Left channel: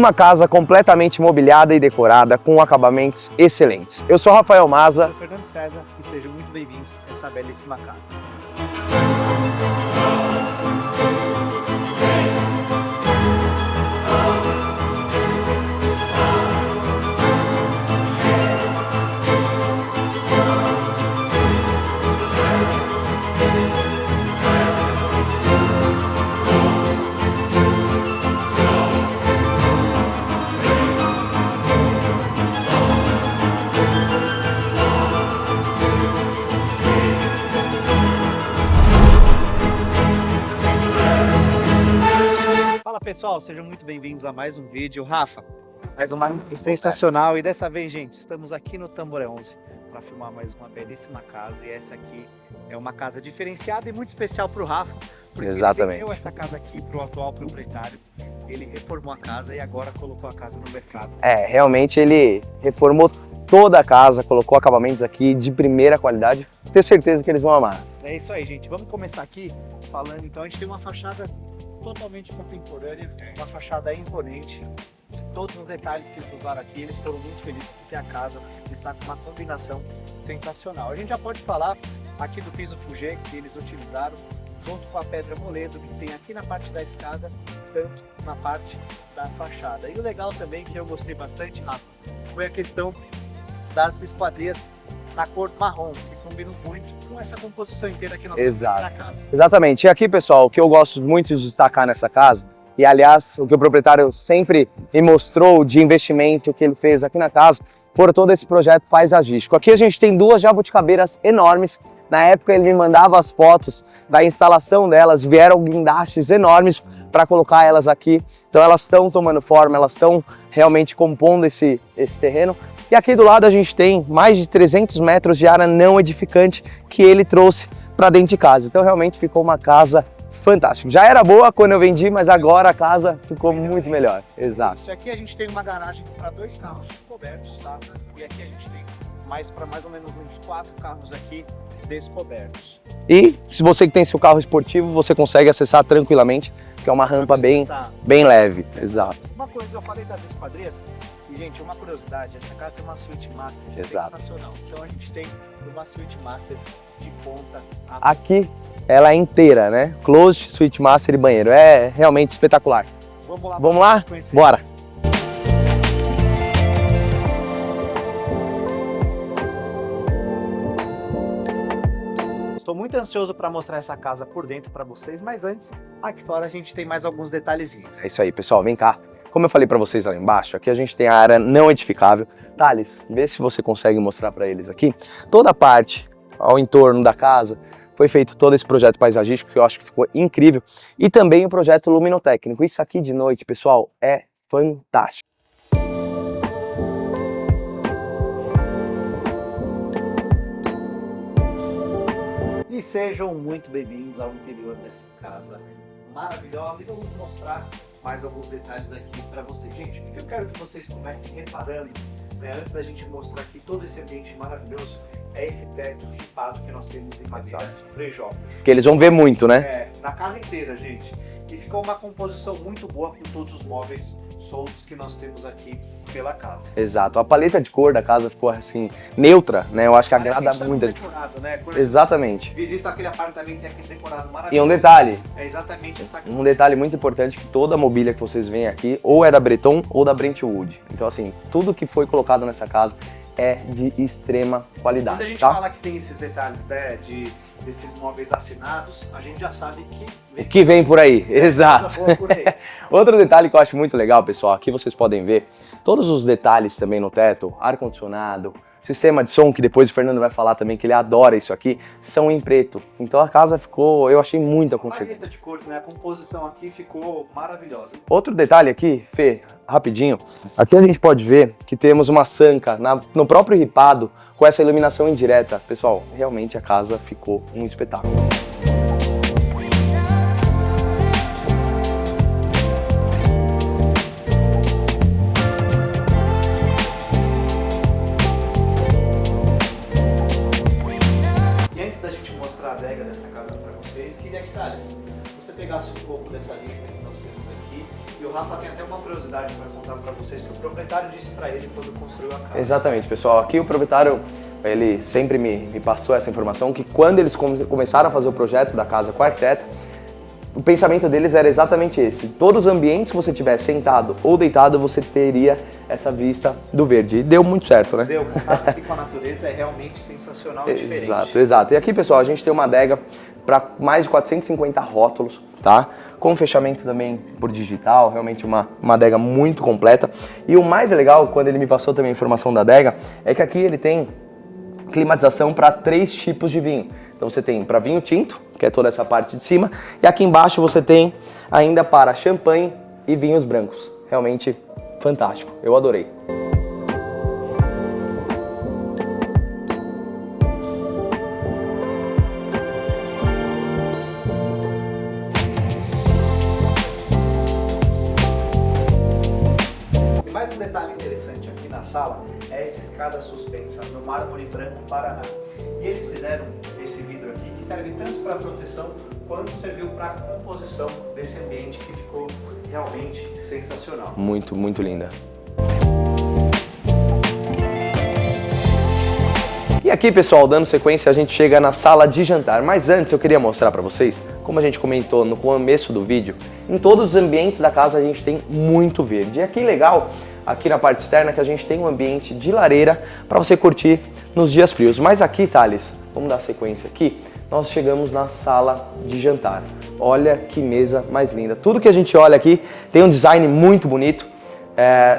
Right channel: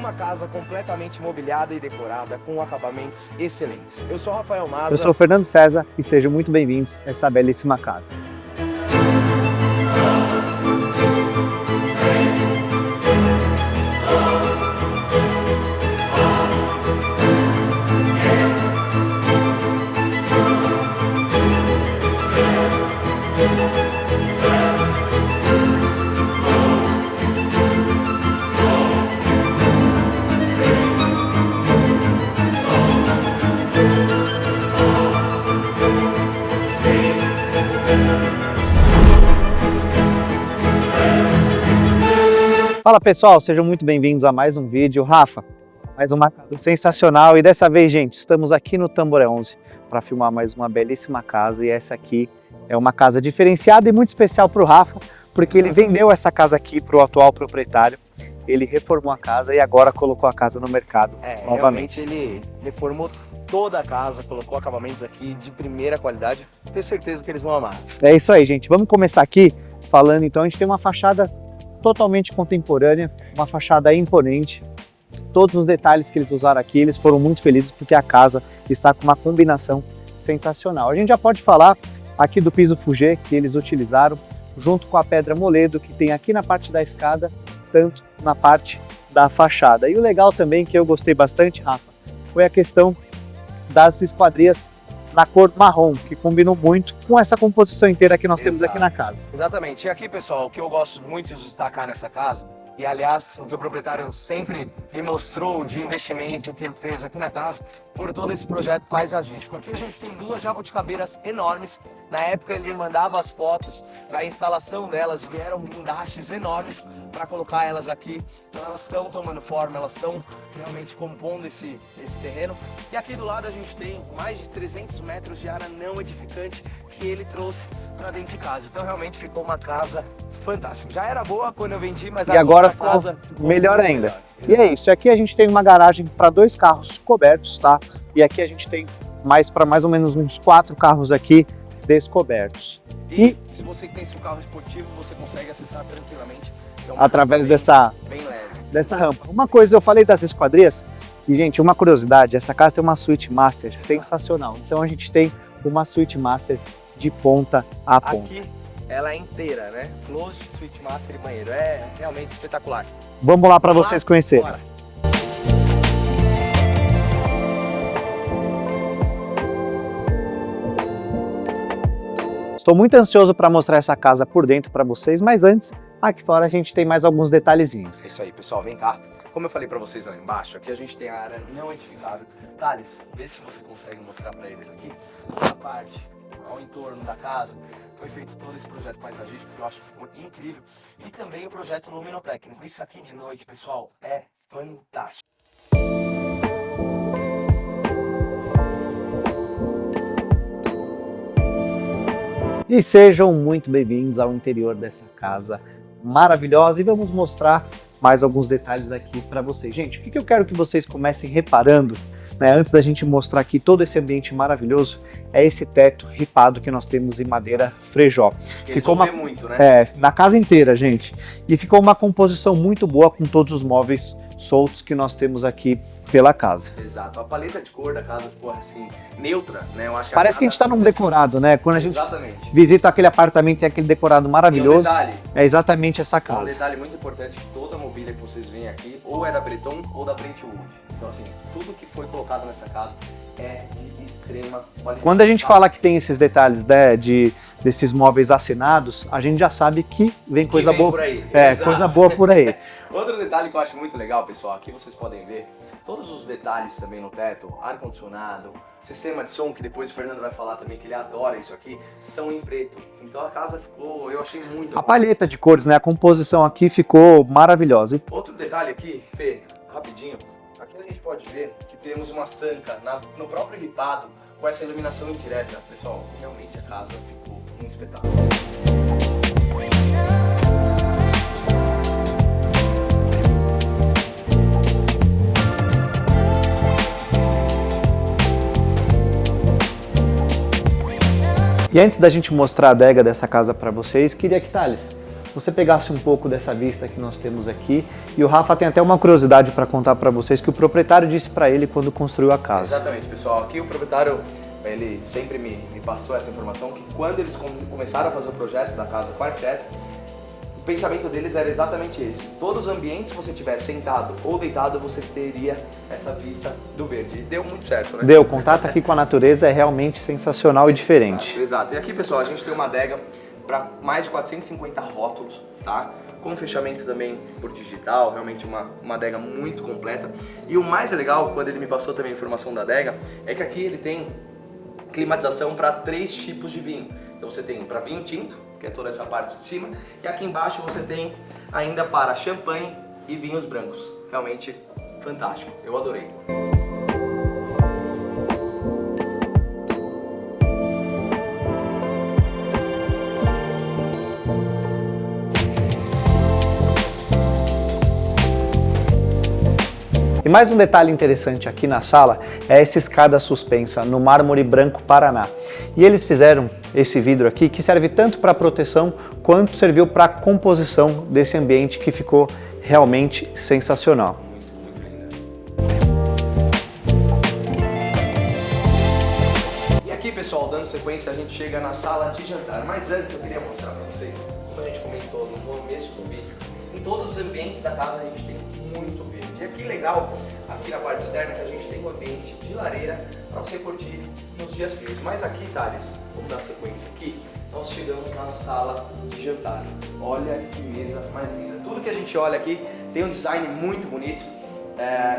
uma casa completamente mobiliada e decorada com acabamentos excelentes. Eu sou Rafael Maza. Eu sou Fernando César e sejam muito bem-vindos a essa belíssima casa. Fala pessoal, sejam muito bem-vindos a mais um vídeo. Rafa, mais uma sensacional e dessa vez, gente, estamos aqui no Tamboré 11 para filmar mais uma belíssima casa e essa aqui é uma casa diferenciada e muito especial para o Rafa, porque Exatamente. Ele vendeu essa casa aqui para o atual proprietário, ele reformou a casa e agora colocou a casa no mercado. Realmente ele reformou toda a casa, colocou acabamentos aqui de primeira qualidade, tenho certeza que eles vão amar. É isso aí, gente, vamos começar aqui falando então, a gente tem uma fachada totalmente contemporânea, uma fachada imponente. Todos os detalhes que eles usaram aqui, eles foram muito felizes porque a casa está com uma combinação sensacional. A gente já pode falar aqui do piso Fugê que eles utilizaram, junto com a pedra moledo que tem aqui na parte da escada, tanto na parte da fachada. E o legal também, que eu gostei bastante, Rafa, foi a questão das esquadrias na cor marrom, que combinou muito com essa composição inteira que nós temos aqui na casa. Exatamente. E aqui, pessoal, o que eu gosto muito de destacar nessa casa, e aliás, o que o proprietário sempre me mostrou de investimento que ele fez aqui na casa, foi todo esse projeto paisagístico. Aqui a gente tem duas jabuticabeiras enormes. Na época ele me mandava as fotos da instalação delas, vieram guindastes enormes para colocar elas aqui. Então elas estão tomando forma, elas estão realmente compondo esse terreno. E aqui do lado a gente tem mais de 300 metros de área não edificante que ele trouxe para dentro de casa. Então realmente ficou uma casa fantástica. Já era boa quando eu vendi, mas agora a casa ficou melhor muito ainda. melhor. E é isso, aqui a gente tem uma garagem para 2 carros cobertos, tá? E aqui a gente tem para mais ou menos uns 4 carros aqui descobertos. E se você que tem seu carro esportivo, você consegue acessar tranquilamente, que é uma rampa bem leve. Uma coisa, eu falei das esquadrias, e gente, uma curiosidade, essa casa tem uma suíte master sensacional. Então a gente tem uma suíte master de ponta a ponta. Aqui ela é inteira, né? Closet, suíte master e banheiro. É realmente espetacular. Vamos lá para vocês conhecerem. Bora! Estou muito ansioso para mostrar essa casa por dentro para vocês, mas antes, aqui fora a gente tem mais alguns detalhezinhos. É isso aí, pessoal, vem cá. Como eu falei para vocês lá embaixo, aqui a gente tem a área não edificável. Thales, vê se você consegue mostrar para eles aqui. Toda a parte ao entorno da casa foi feito todo esse projeto paisagístico que eu acho que ficou incrível. E também o projeto luminotécnico. Isso aqui de noite, pessoal, é fantástico. E sejam muito bem-vindos ao interior dessa casa maravilhosa e vamos mostrar mais alguns detalhes aqui para vocês. Gente, o que eu quero que vocês comecem reparando, né, antes da gente mostrar aqui todo esse ambiente maravilhoso, é esse teto ripado que nós temos em madeira Frejó. Que eles vão ver muito, né? Na casa inteira, gente. E ficou uma composição muito boa com todos os móveis soltos que nós temos aqui pela casa. Exato, a paleta de cor da casa ficou assim, neutra, né? Eu acho que parece que a gente tá num decorado, né? Quando a Exatamente. Visita aquele apartamento e tem aquele decorado maravilhoso. E um detalhe. É exatamente essa casa. Um detalhe muito importante, que toda a mobília que vocês veem aqui, ou é da Breton ou da Brentwood. Então assim, tudo que foi colocado nessa casa é de extrema qualidade. Quando a gente fala que tem esses detalhes, né, desses móveis assinados, a gente já sabe que vem coisa boa por aí. Exato. Coisa boa por aí. Outro detalhe que eu acho muito legal, pessoal, aqui vocês podem ver todos os detalhes também no teto, ar-condicionado, sistema de som, que depois o Fernando vai falar também que ele adora isso aqui, são em preto. Então a casa ficou, eu achei muito... A paleta de cores, né, a composição aqui ficou maravilhosa. Outro detalhe aqui, Fê, rapidinho, aqui a gente pode ver que temos uma sanca no próprio ripado com essa iluminação indireta. Pessoal, realmente a casa ficou um espetáculo. E antes da gente mostrar a adega dessa casa para vocês, queria que, Thales, você pegasse um pouco dessa vista que nós temos aqui. E o Rafa tem até uma curiosidade para contar para vocês que o proprietário disse para ele quando construiu a casa. Exatamente, pessoal. Aqui o proprietário, ele sempre me passou essa informação, que quando eles começaram a fazer o projeto da casa com o arquiteto, o pensamento deles era exatamente esse. Todos os ambientes que você tiver sentado ou deitado, você teria essa vista do verde. E deu muito certo, né? Deu. O contato aqui com a natureza é realmente sensacional e diferente. Exato, exato. E aqui, pessoal, a gente tem uma adega para mais de 450 rótulos, tá? Com fechamento também por digital, realmente uma adega muito completa. E o mais legal, quando ele me passou também a informação da adega, é que aqui ele tem climatização para 3 tipos de vinho. Então você tem para vinho tinto, que é toda essa parte de cima, e aqui embaixo você tem ainda para champanhe e vinhos brancos. Realmente fantástico, eu adorei. E mais um detalhe interessante aqui na sala é essa escada suspensa no mármore branco Paraná. E eles fizeram esse vidro aqui que serve tanto para proteção quanto serviu para composição desse ambiente que ficou realmente sensacional. Muito, muito linda. E aqui, pessoal, dando sequência, a gente chega na sala de jantar. Mas antes eu queria mostrar para vocês, como a gente comentou no começo do vídeo, em todos os ambientes da casa a gente tem muito verde. E aqui legal, aqui na parte externa, que a gente tem um ambiente de lareira para você curtir nos dias frios. Mas aqui, Thales, vamos dar sequência aqui, nós chegamos na sala de jantar. Olha que mesa mais linda. Tudo que a gente olha aqui tem um design muito bonito.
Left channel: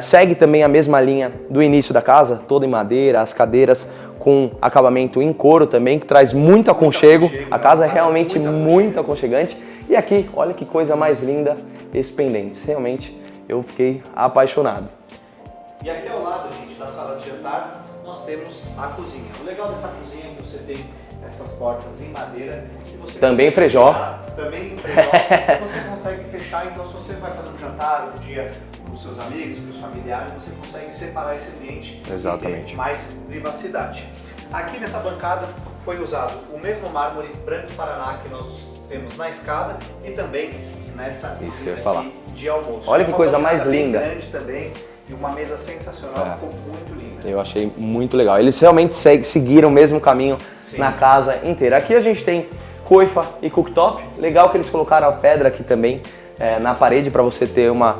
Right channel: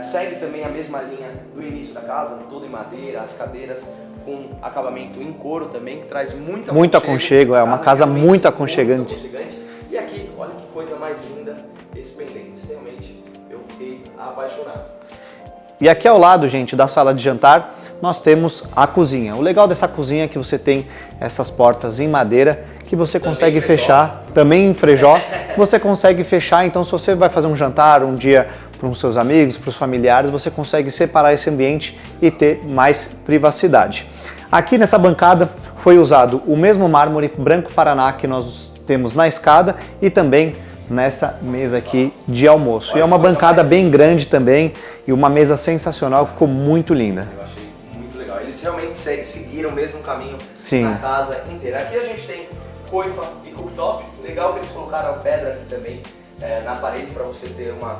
Segue também a mesma linha do início da casa, toda em madeira, as cadeiras com acabamento em couro também, que traz muito aconchego. A casa é realmente muito aconchegante. E aqui, olha que coisa mais linda, esses pendentes. Realmente, eu fiquei apaixonado. E aqui ao lado, gente, da sala de jantar, nós temos a cozinha. O legal dessa cozinha é que você tem essas portas em madeira que você consegue fechar, também em frejó, você consegue fechar. Então, se você vai fazer um jantar um dia para os seus amigos, para os familiares, você consegue separar esse ambiente e ter mais privacidade. Aqui nessa bancada foi usado o mesmo mármore branco Paraná que nós temos na escada e também nessa mesa aqui de almoço. É uma bancada bem grande também e uma mesa sensacional, ficou muito linda. Eu achei muito legal. Eles realmente seguiram o mesmo caminho na casa inteira. Aqui a gente tem coifa e cooktop. Legal que eles colocaram a pedra aqui também na parede para você ter uma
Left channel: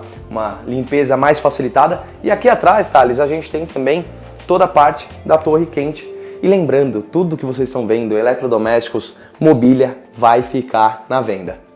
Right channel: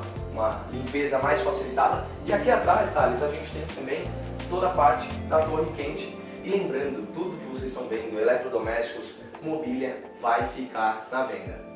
limpeza mais facilitada. E aqui atrás, Thales, a gente tem também toda a parte da torre quente. E lembrando, tudo que vocês estão vendo, eletrodomésticos, mobília, vai ficar na venda.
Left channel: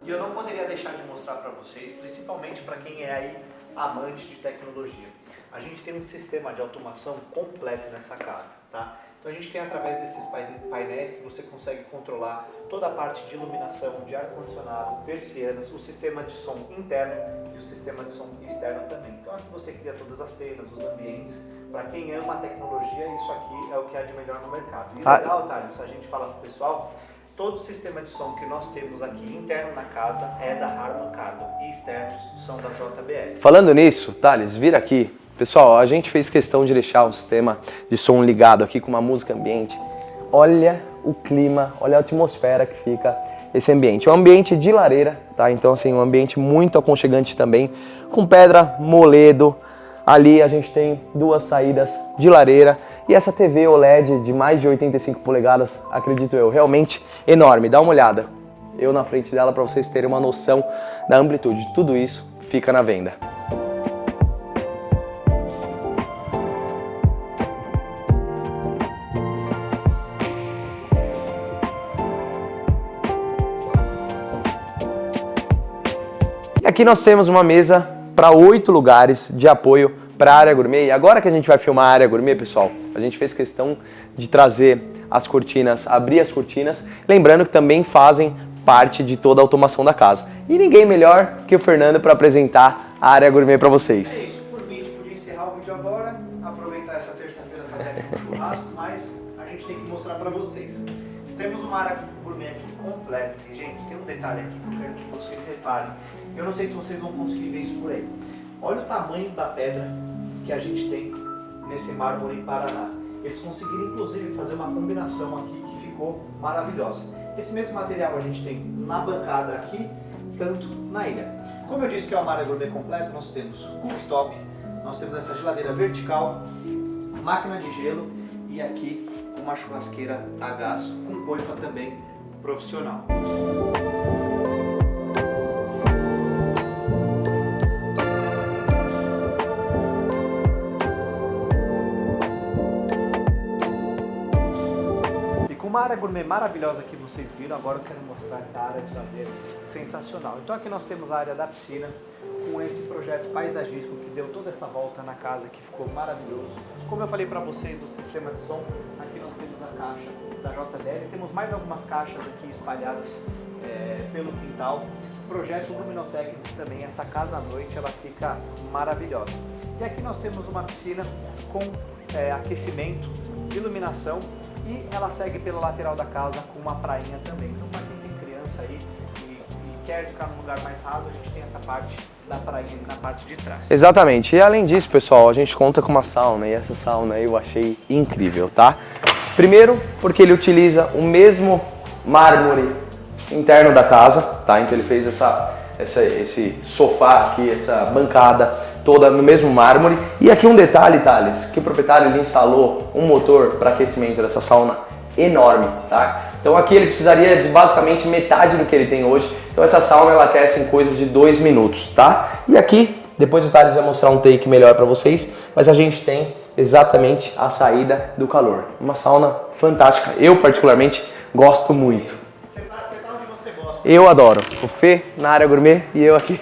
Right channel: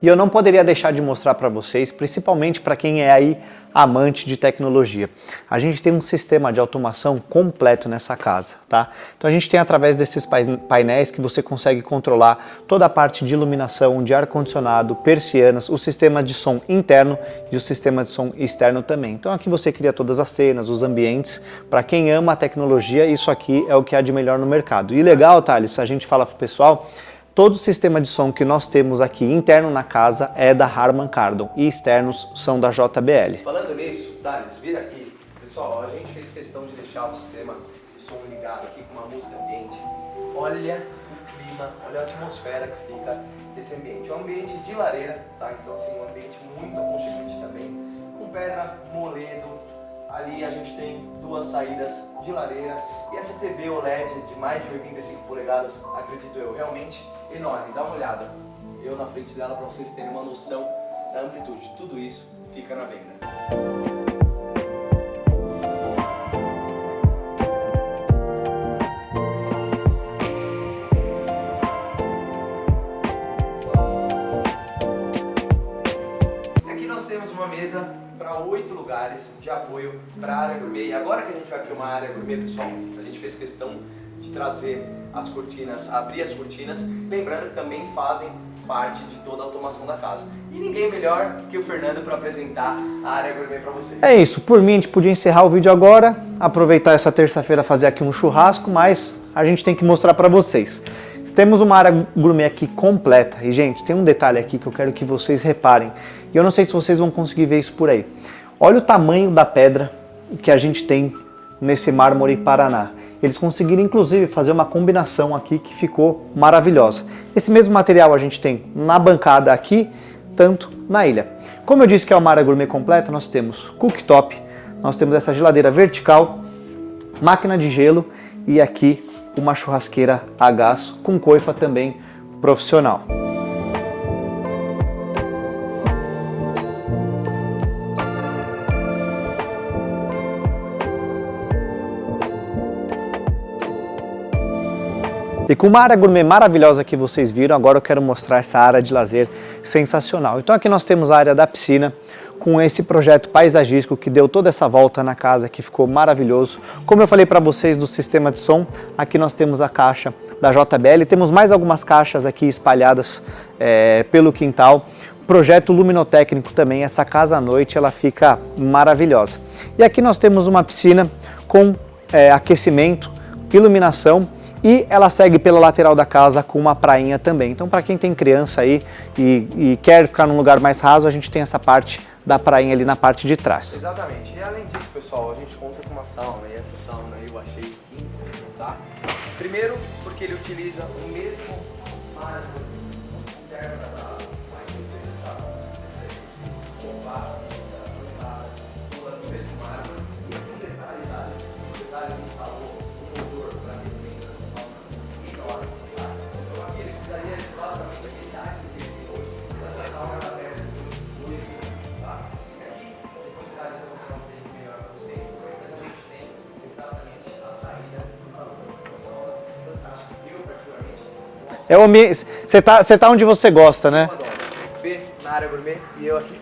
E eu não poderia deixar de mostrar para vocês, principalmente para quem é aí amante de tecnologia. A gente tem um sistema de automação completo nessa casa, tá? Então a gente tem através desses painéis que você consegue controlar toda a parte de iluminação, de ar-condicionado, persianas, o sistema de som interno e o sistema de som externo também. Então aqui você cria todas as cenas, os ambientes. Para quem ama a tecnologia, isso aqui é o que há de melhor no mercado. E legal, Thales, a gente fala para o pessoal, todo o sistema de som que nós temos aqui interno na casa é da Harman Kardon e externos são da JBL. Falando nisso, Thales, vira aqui. Pessoal, a gente fez questão de deixar o sistema de som ligado aqui com uma música ambiente. Olha o clima, olha a atmosfera que fica esse ambiente. É um ambiente de lareira, tá? Então assim, um ambiente muito aconchegante também, com pedra, moledo. Ali a gente tem 2 saídas de lareira e essa TV OLED de mais de 85 polegadas, acredito eu, realmente enorme. Dá uma olhada. Eu na frente dela para vocês terem uma noção da amplitude. Tudo isso fica na venda. E aqui nós temos uma mesa para 8 lugares de apoio para a área gourmet. E agora que a gente vai filmar a área gourmet, pessoal, a gente fez questão de trazer as cortinas, abrir as cortinas, lembrando que também fazem parte de toda a automação da casa. E ninguém melhor que o Fernando para apresentar a área gourmet para vocês. É isso, por mim a gente podia encerrar o vídeo agora, aproveitar essa terça-feira fazer aqui um churrasco, mas a gente tem que mostrar para vocês. Temos uma área gourmet aqui completa e, gente, tem um detalhe aqui que eu quero que vocês reparem. E eu não sei se vocês vão conseguir ver isso por aí. Olha o tamanho da pedra que a gente tem nesse mármore Paraná. Eles conseguiram, inclusive, fazer uma combinação aqui que ficou maravilhosa. Esse mesmo material a gente tem na bancada aqui, tanto na ilha. Como eu disse que é uma área gourmet completa, nós temos cooktop, nós temos essa geladeira vertical, máquina de gelo e aqui uma churrasqueira a gás com coifa também profissional. E com uma área gourmet maravilhosa que vocês viram, agora eu quero mostrar essa área de lazer sensacional. Então aqui nós temos a área da piscina, com esse projeto paisagístico que deu toda essa volta na casa, que ficou maravilhoso. Como eu falei para vocês do sistema de som, aqui nós temos a caixa da JBL, temos mais algumas caixas aqui espalhadas pelo quintal. Projeto luminotécnico também, essa casa à noite ela fica maravilhosa. E aqui nós temos uma piscina com aquecimento, iluminação, e ela segue pela lateral da casa com uma prainha também. Então, para quem tem criança aí e quer ficar num lugar mais raso, a gente tem essa parte da prainha ali na parte de trás. Exatamente. E além disso, pessoal, a gente conta com uma sauna, e essa sauna aí eu achei incrível, tá? Primeiro, porque ele utiliza o mesmo mármore interno da casa, tá? Então ele fez esse sofá aqui, essa bancada toda no mesmo mármore. E aqui um detalhe, Thales, que o proprietário ele instalou um motor para aquecimento dessa sauna enorme, tá? Então aqui ele precisaria de basicamente metade do que ele tem hoje. Então essa sauna ela aquece em coisa de 2 minutos, tá? E aqui, depois o Thales vai mostrar um take melhor para vocês, mas a gente tem exatamente a saída do calor. Uma sauna fantástica. Eu particularmente gosto muito. Você tá onde você gosta, né? Eu adoro. O Fê na área gourmet e eu aqui.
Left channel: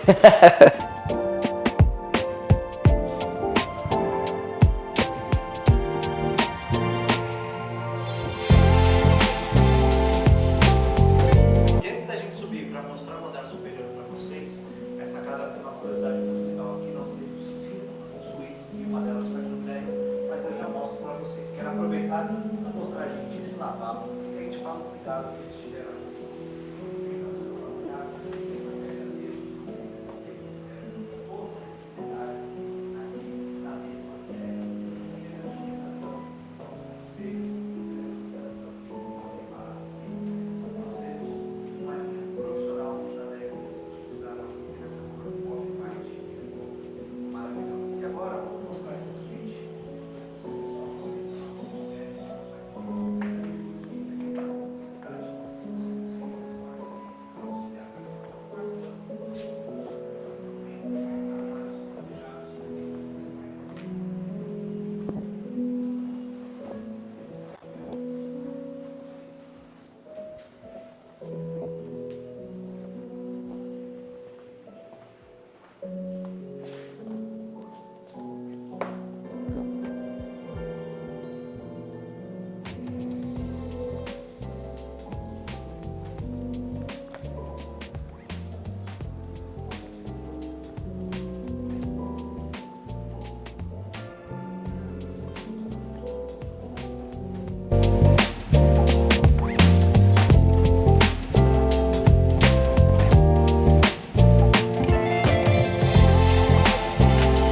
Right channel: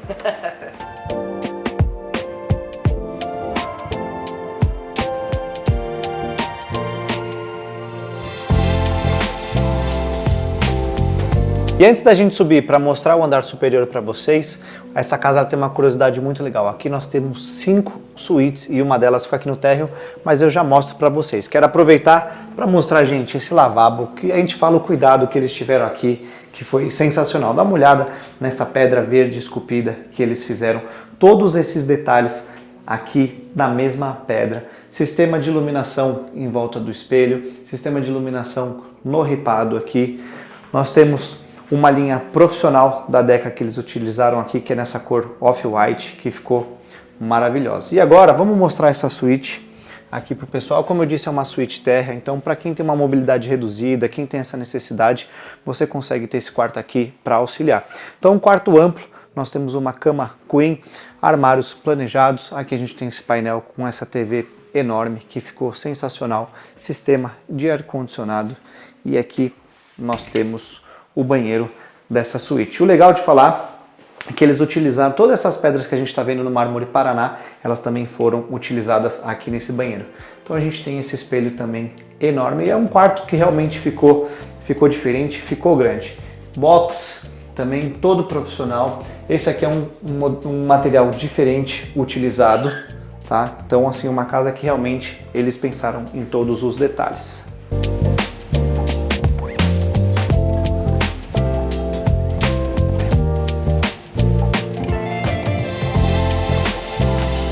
E antes da gente subir para mostrar o andar superior para vocês, essa casa ela tem uma curiosidade muito legal. Aqui nós temos 5 suítes e uma delas fica aqui no térreo, mas eu já mostro para vocês. Quero aproveitar para mostrar, gente, esse lavabo, que a gente fala o cuidado que eles tiveram aqui, que foi sensacional. Dá uma olhada nessa pedra verde esculpida que eles fizeram. Todos esses detalhes aqui na mesma pedra. Sistema de iluminação em volta do espelho, sistema de iluminação no ripado aqui. Nós temos uma linha profissional da Deca que eles utilizaram aqui, que é nessa cor off-white, que ficou maravilhosa. E agora vamos mostrar essa suíte aqui para o pessoal. Como eu disse, é uma suíte térrea, então para quem tem uma mobilidade reduzida, quem tem essa necessidade, você consegue ter esse quarto aqui para auxiliar. Então um quarto amplo, nós temos uma cama queen, armários planejados, aqui a gente tem esse painel com essa TV enorme que ficou sensacional, sistema de ar-condicionado e aqui nós temos o banheiro dessa suíte. O legal de falar é que eles utilizaram todas essas pedras que a gente está vendo no mármore Paraná, elas também foram utilizadas aqui nesse banheiro. Então a gente tem esse espelho também enorme e é um quarto que realmente ficou diferente, ficou grande. Box também todo profissional. Esse aqui é um material diferente utilizado, tá? Então assim, uma casa que realmente eles pensaram em todos os detalhes.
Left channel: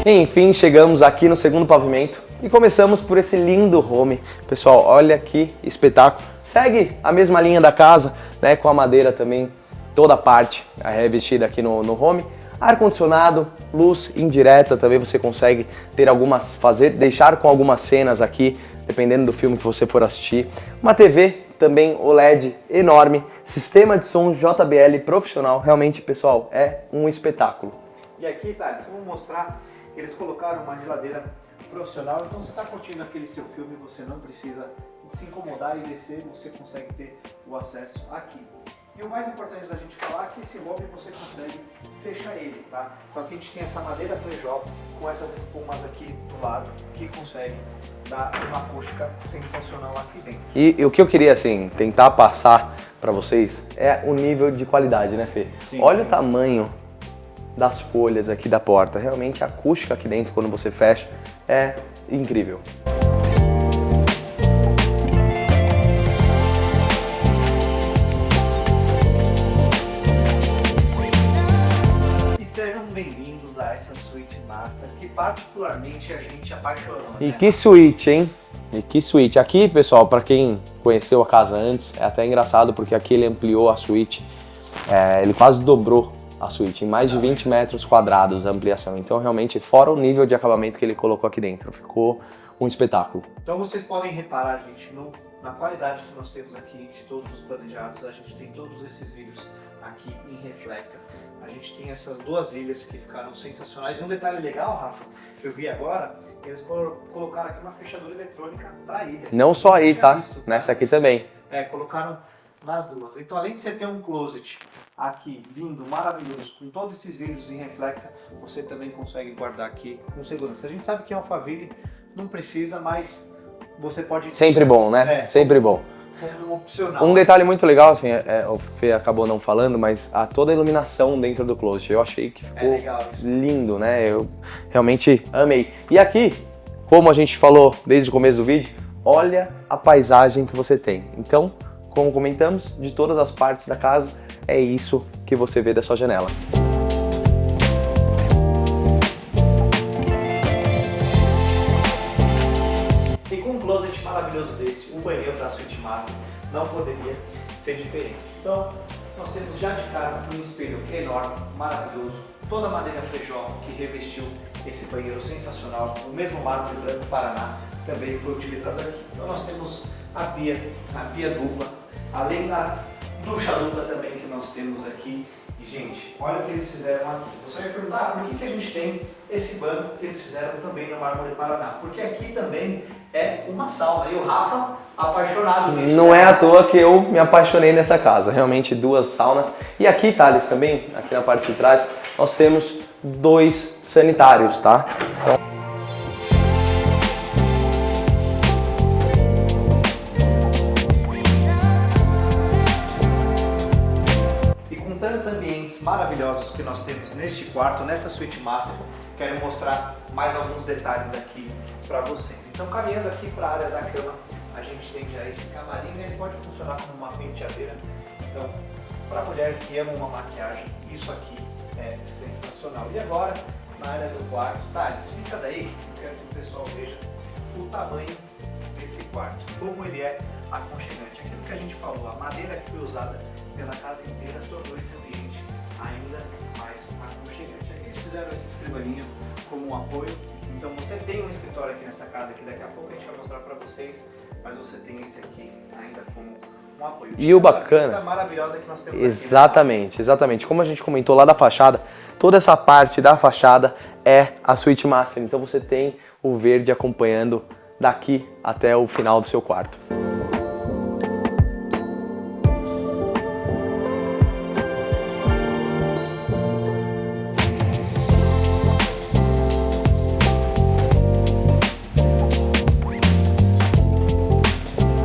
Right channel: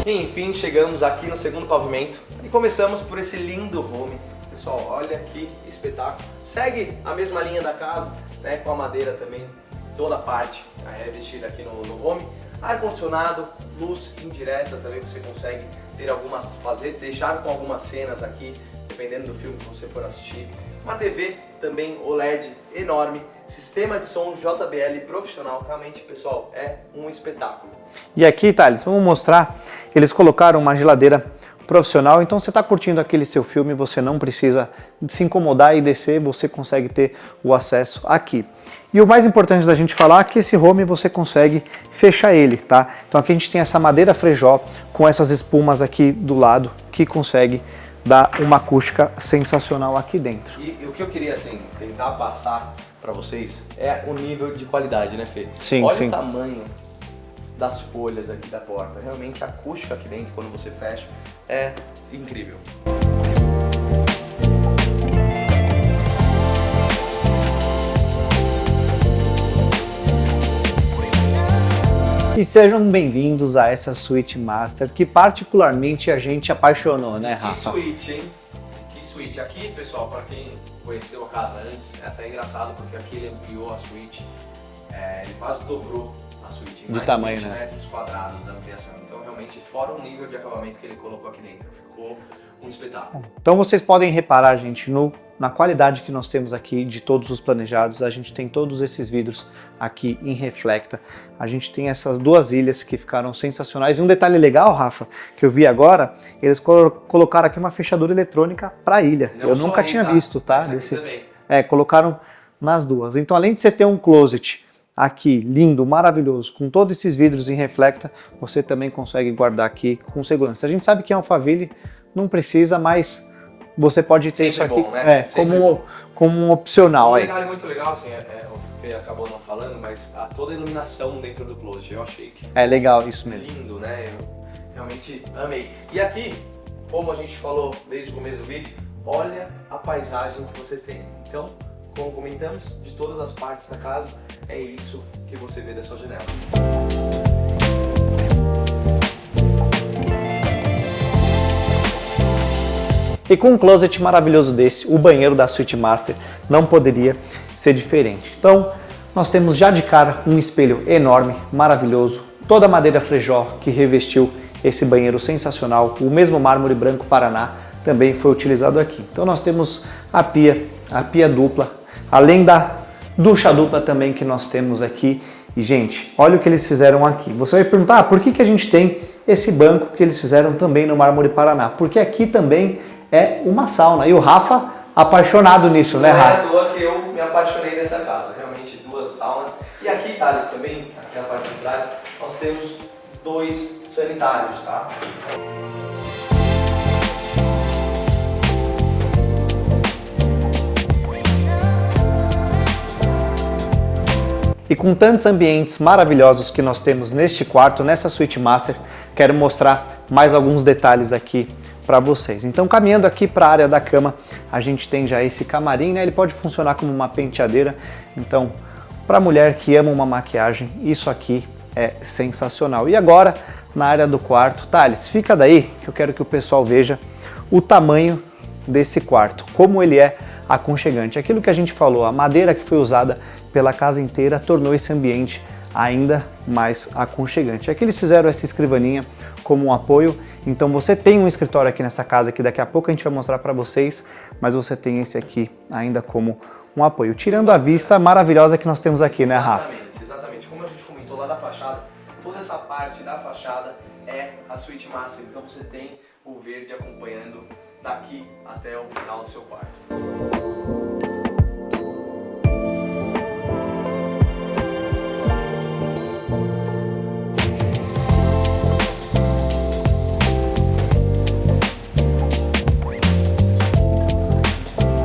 Enfim, chegamos aqui no segundo pavimento e começamos por esse lindo home. Pessoal, olha que espetáculo. Segue a mesma linha da casa, né, com a madeira também, toda a parte revestida aqui no home. Ar-condicionado, luz indireta também você consegue ter deixar com algumas cenas aqui, dependendo do filme que você for assistir. Uma TV também OLED enorme, sistema de som JBL profissional, realmente, pessoal, é um espetáculo. E aqui, Thales, vamos mostrar, eles colocaram uma geladeira profissional, então você está curtindo aquele seu filme, você não precisa se incomodar e descer, você consegue ter o acesso aqui. E o mais importante da gente falar é que esse home você consegue fechar ele, tá? Então aqui a gente tem essa madeira frejó com essas espumas aqui do lado que consegue dar uma acústica sensacional aqui dentro. E o que eu queria, assim, tentar passar para vocês é o nível de qualidade, né, Fê? Sim, olha sim. o tamanho das folhas aqui da porta. Realmente a acústica aqui dentro, quando você fecha, é incrível. E sejam bem-vindos a essa suíte master que particularmente a gente apaixonou, né? E que suíte, hein? E que suíte. Aqui, pessoal, para quem conheceu a casa antes, é até engraçado porque aqui ele ampliou a suíte, ele quase dobrou a suíte, em mais de 20 metros quadrados a ampliação. Então, realmente, fora o nível de acabamento que ele colocou aqui dentro, ficou um espetáculo. Então vocês podem reparar, gente, na qualidade que nós temos aqui de todos os planejados. A gente tem todos esses vidros aqui em Reflecta. A gente tem essas duas ilhas que ficaram sensacionais. E um detalhe legal, Rafa, que eu vi agora, eles colocaram aqui uma fechadura eletrônica para a ilha. Não eu só nunca aí, tinha tá? visto, tá? Essa aqui também. Colocaram nas duas. Então, além de você ter um closet aqui lindo, maravilhoso, com todos esses vidros em Reflecta, você também consegue guardar aqui com segurança. A gente sabe que em Alphaville não precisa, mas você pode ter sempre bom, né? Sempre bom. Como um opcional. Um detalhe muito legal, assim, o Fê acabou não falando, mas toda a iluminação dentro do closet, eu achei que ficou legal isso mesmo. Lindo, né? Eu realmente amei. E aqui, como a gente falou desde o começo do vídeo, olha a paisagem que você tem. Então, como comentamos, de todas as partes da casa, é isso que você vê da sua janela. E com um closet maravilhoso desse, o banheiro da Suite Master não poderia ser diferente. Então, nós temos já de cara um espelho enorme, maravilhoso, toda a madeira frejó que revestiu esse banheiro sensacional, o mesmo mármore branco Paraná também foi utilizado aqui. Então nós temos a pia dupla, além da ducha dupla também que nós temos aqui. E gente, olha o que eles fizeram aqui. Você vai perguntar, por que a gente tem esse banco que eles fizeram também no mármore Paraná? Porque aqui também é uma sauna. E o Rafa, apaixonado nisso, né? Não é à toa que eu me apaixonei nessa casa. Realmente 2 saunas. E aqui, Thales, também, aqui na parte de trás, nós temos 2 sanitários, tá? Então... E com tantos ambientes maravilhosos que nós temos neste quarto, nessa Suite Master, quero mostrar mais alguns detalhes aqui para vocês. Então, caminhando aqui para a área da cama, a gente tem já esse camarim, né? Ele pode funcionar como uma penteadeira. Então, para a mulher que ama uma maquiagem, isso aqui é sensacional. E agora, na área do quarto, Thales, fica daí que eu quero que o pessoal veja o tamanho desse quarto, como ele é aconchegante. Aquilo que a gente falou, a madeira que foi usada pela casa inteira tornou esse ambiente ainda mais aconchegante. Aqui eles fizeram essa escrivaninha como um apoio, então você tem um escritório aqui nessa casa que daqui a pouco a gente vai mostrar para vocês, mas você tem esse aqui ainda como um apoio, tirando a vista maravilhosa que nós temos aqui, né, Rafa? Exatamente, exatamente. Como a gente comentou lá da fachada, toda essa parte da fachada é a Suite Master, então você tem o verde acompanhando daqui até o final do seu quarto.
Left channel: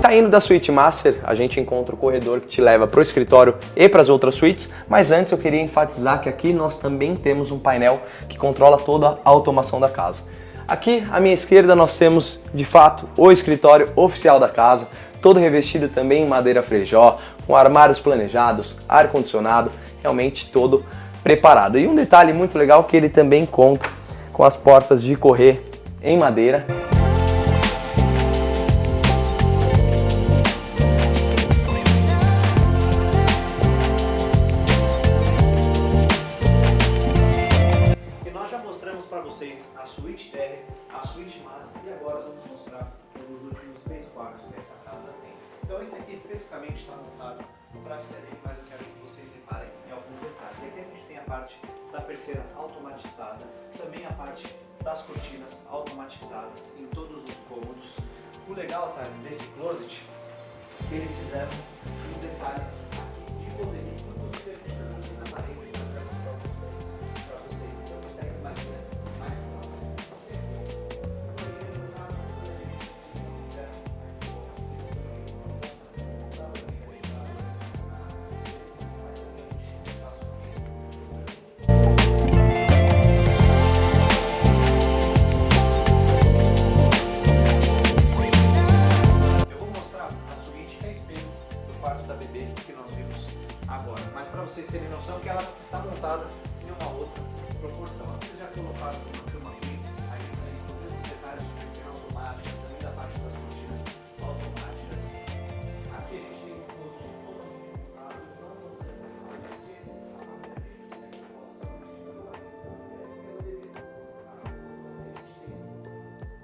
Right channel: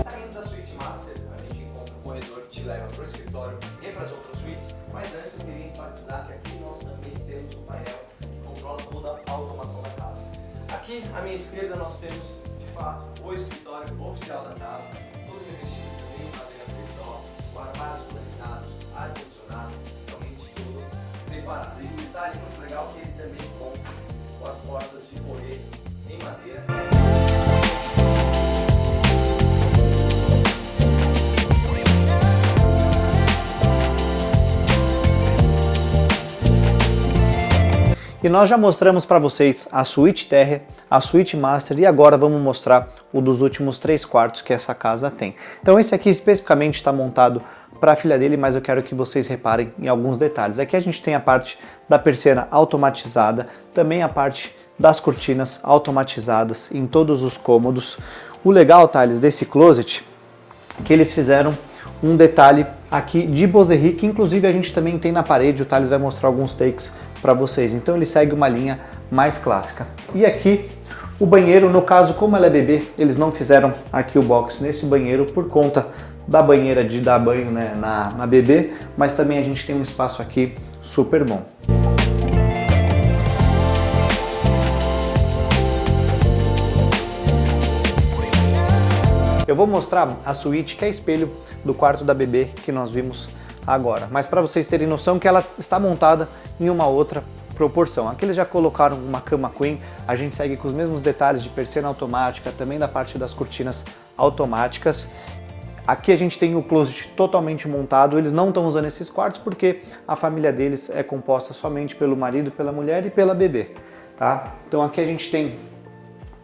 Saindo da Suite Master, a gente encontra o corredor que te leva para o escritório e para as outras suítes, mas antes eu queria enfatizar que aqui nós também temos um painel que controla toda a automação da casa. Aqui à minha esquerda nós temos, de fato, o escritório oficial da casa, todo revestido também em madeira frejó, com armários planejados, ar-condicionado, realmente todo preparado. E um detalhe muito legal que ele também conta com as portas de correr em madeira. E nós já mostramos para vocês a Suite Terra, a Suite Master e agora vamos mostrar o dos últimos 3 quartos que essa casa tem. Então esse aqui especificamente está montado para a filha dele, mas eu quero que vocês reparem em alguns detalhes. Aqui a gente tem a parte da persiana automatizada, também a parte das cortinas automatizadas em todos os cômodos. O legal, Thales, desse closet, que eles fizeram um detalhe aqui de Bosery, que inclusive a gente também tem na parede, o Thales vai mostrar alguns takes para vocês. Então ele segue uma linha mais clássica. E aqui o banheiro, no caso, como ela é bebê, eles não fizeram aqui o box nesse banheiro por conta da banheira de dar banho, né, na bebê, mas também a gente tem um espaço aqui super bom. vou mostrar a suíte que é espelho do quarto da bebê que nós vimos agora, mas para vocês terem noção que ela está montada em uma outra proporção. Aqui eles já colocaram uma cama queen, a gente segue com os mesmos detalhes de persiana automática, também da parte das cortinas automáticas. Aqui a gente tem o closet totalmente montado, eles não estão usando esses quartos porque a família deles é composta somente pelo marido, pela mulher e pela bebê, tá? Então aqui a gente tem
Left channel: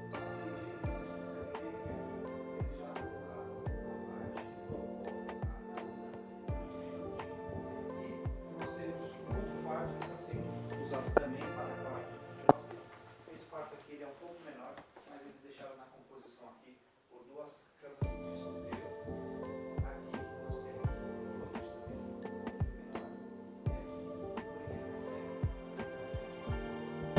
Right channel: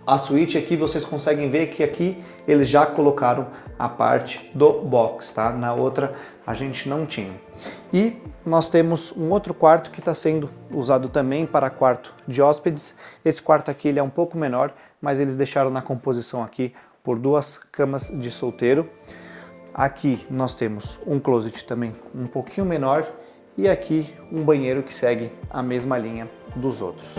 a suíte, aqui vocês conseguem ver que aqui eles já colocaram a parte do box, tá? Na outra a gente não tinha. E nós temos um outro quarto que está sendo usado também para quarto de hóspedes. Esse quarto aqui ele é um pouco menor, mas eles deixaram na composição aqui por 2 camas de solteiro. Aqui nós temos um closet também um pouquinho menor e aqui um banheiro que segue a mesma linha dos outros.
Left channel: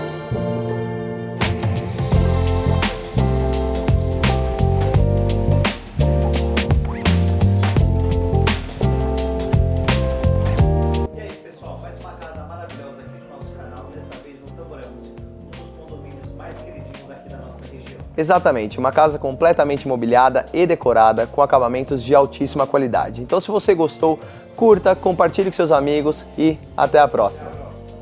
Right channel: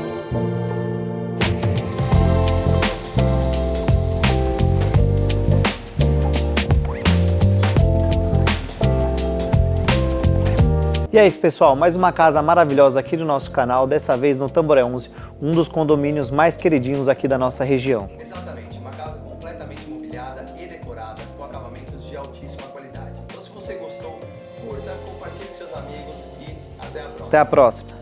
E é isso, pessoal, mais uma casa maravilhosa aqui do nosso canal, dessa vez no Tamboré 11, um dos condomínios mais queridinhos aqui da nossa região. Exatamente, uma casa completamente mobiliada e decorada com acabamentos de altíssima qualidade. Então se você gostou, curta, compartilhe com seus amigos e até a próxima. Até a próxima.